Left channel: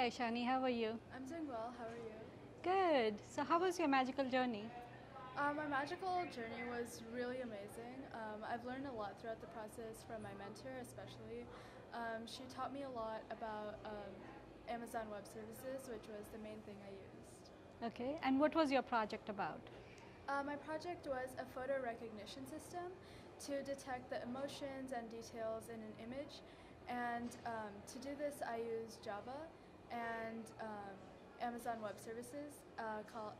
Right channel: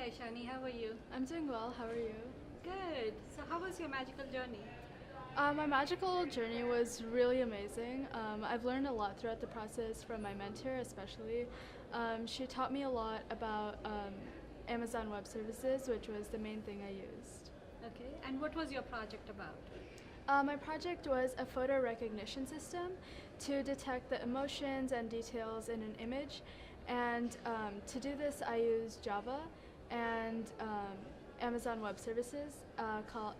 Hi Aishani, how are you? I'm doing well. How are you? Good. So how was your magical journey? My magical journey was really amazing. I've learned a lot throughout the process from my mentor, especially. She taught me a lot about Amazon Web Services, which was the main thing I used. Okay, and what was your project about? My project was a photo recognition system to detect the emotions and details in an image. And to do this, I used Java and Amazon Web Services,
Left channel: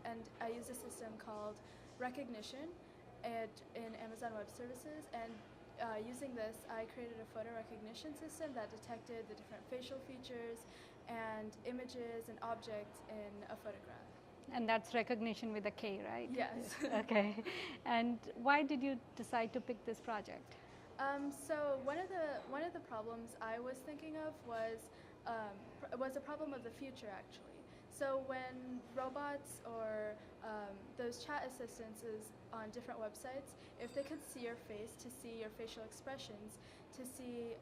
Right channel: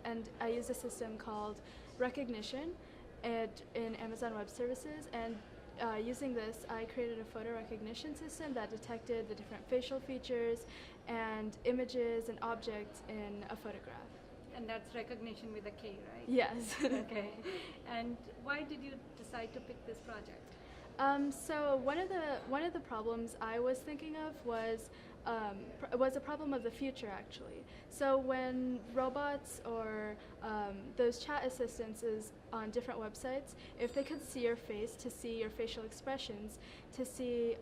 and I used a system called Recognition in Amazon Web Services. And using this, I created a photo recognition system that detected the different facial features and images and objects in a photograph. And that's recognition with a K, right? Yes. Okay. And why did you decide to pick this project? So one of the problems I was thinking of was a problem of the future, actually. So when robots or those chat assistants on different websites, if they could see your face, to see your facial expressions, to see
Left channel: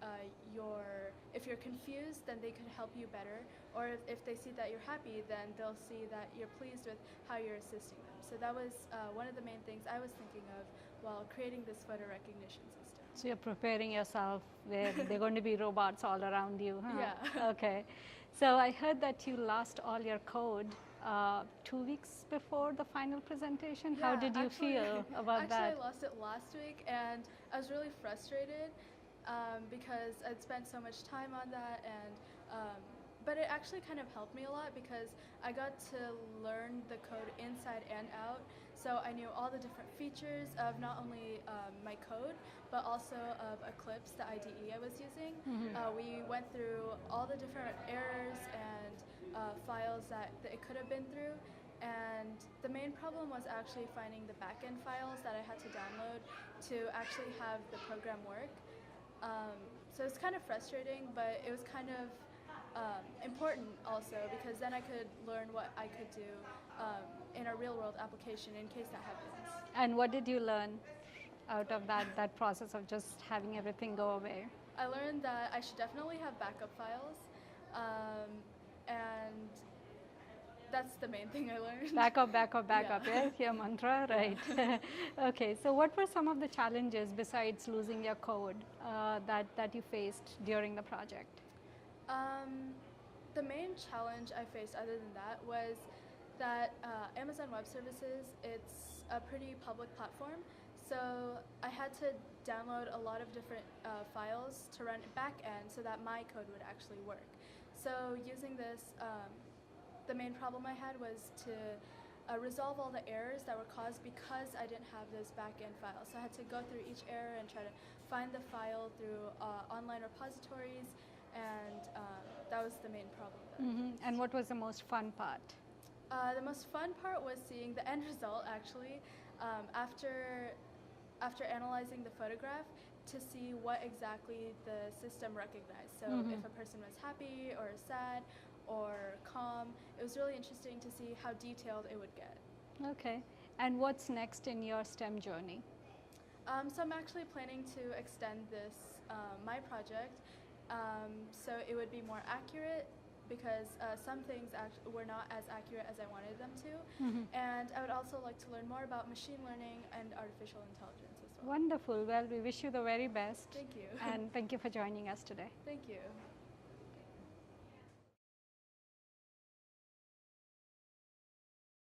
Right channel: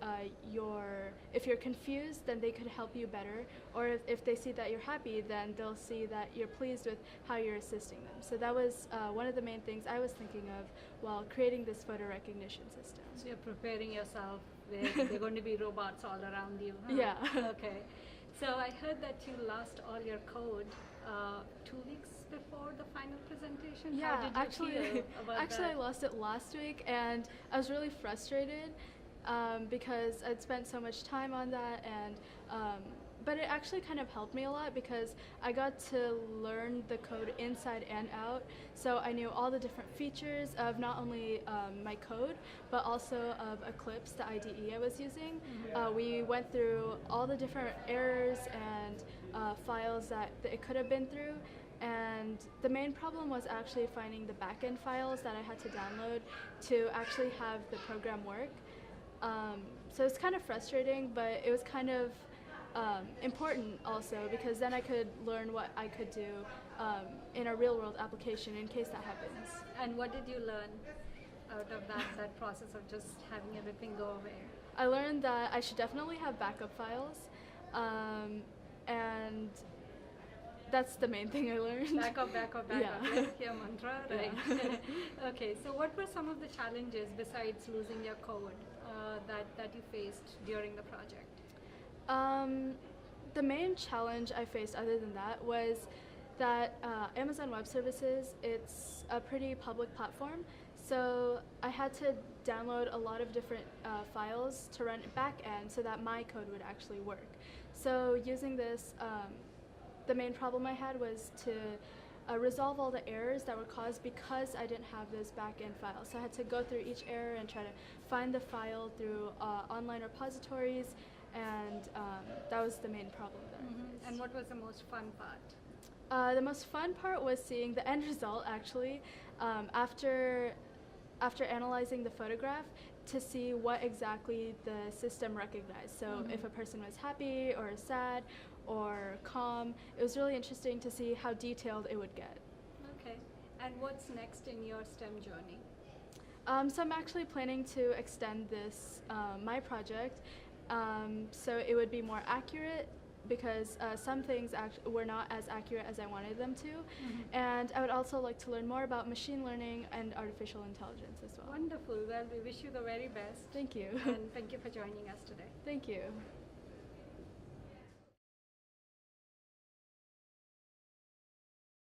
if you're confused, then they could help you better. Or if they see that you're happy, then they'll see that you're pleased with how you're assisting them. So that was one of the main things I was thinking of while creating this photo recognition system. So you're preparing yourself. They're going to be robots all around you, huh? Yeah. Okay. So I heard that you lost all your code 2 weeks before the final presentation. Yeah, How did you feel about actually, that? I lost it last week, and I was really frustrated because I'd spent so much time on that, and but it actually kind of helped me a lot because I got to learn the code inside and out. So I knew all the different features of not only my code, but also of Eclipse, the IDE I was using. We went through all the different errors and files that it could have been through. And the main problem was actually finding the backend files that I had to download to actually have the program work. So it's kind of frustrating, but it was kind of important also because then I could learn what I could do in a real world application in case that happens. And what did you learn out of that process of just having everything go away? I learned that I should definitely have backup files, and that's the main thing I learned. Backup, backup, backup. Yeah. Yes, your mantra, right? Okay. So, what were some of the challenges besides losing your code that you faced during the project? The main challenge I faced other than that was that Amazon Web Services, it's a pretty public platform, so I had to download a lot of different files to run back end so that my code would actually work. So using this, the main problem I had was to resolve all the errors that were caused because I didn't have those back-end files. So I had to go through each error and try to find the file through online repositories, and that was the main problem that I faced. And what was the most fun part? The most fun part was seeing the end result, actually, after analyzing the photograph to see what exactly the system recognized. So if a person was happy or sad or calm, it was really interesting to see how detailed it would get. Okay. And what's next in your STEM journey? So I'm actually planning to extend this, my project, so it would be more accurate because some things were not as accurate as I wanted them to. And I would also like to learn more about machine learning and artificial intelligence as well. Wonderful. Well, we wish you the very best. Thank you. And thank you for joining us today. Thank you.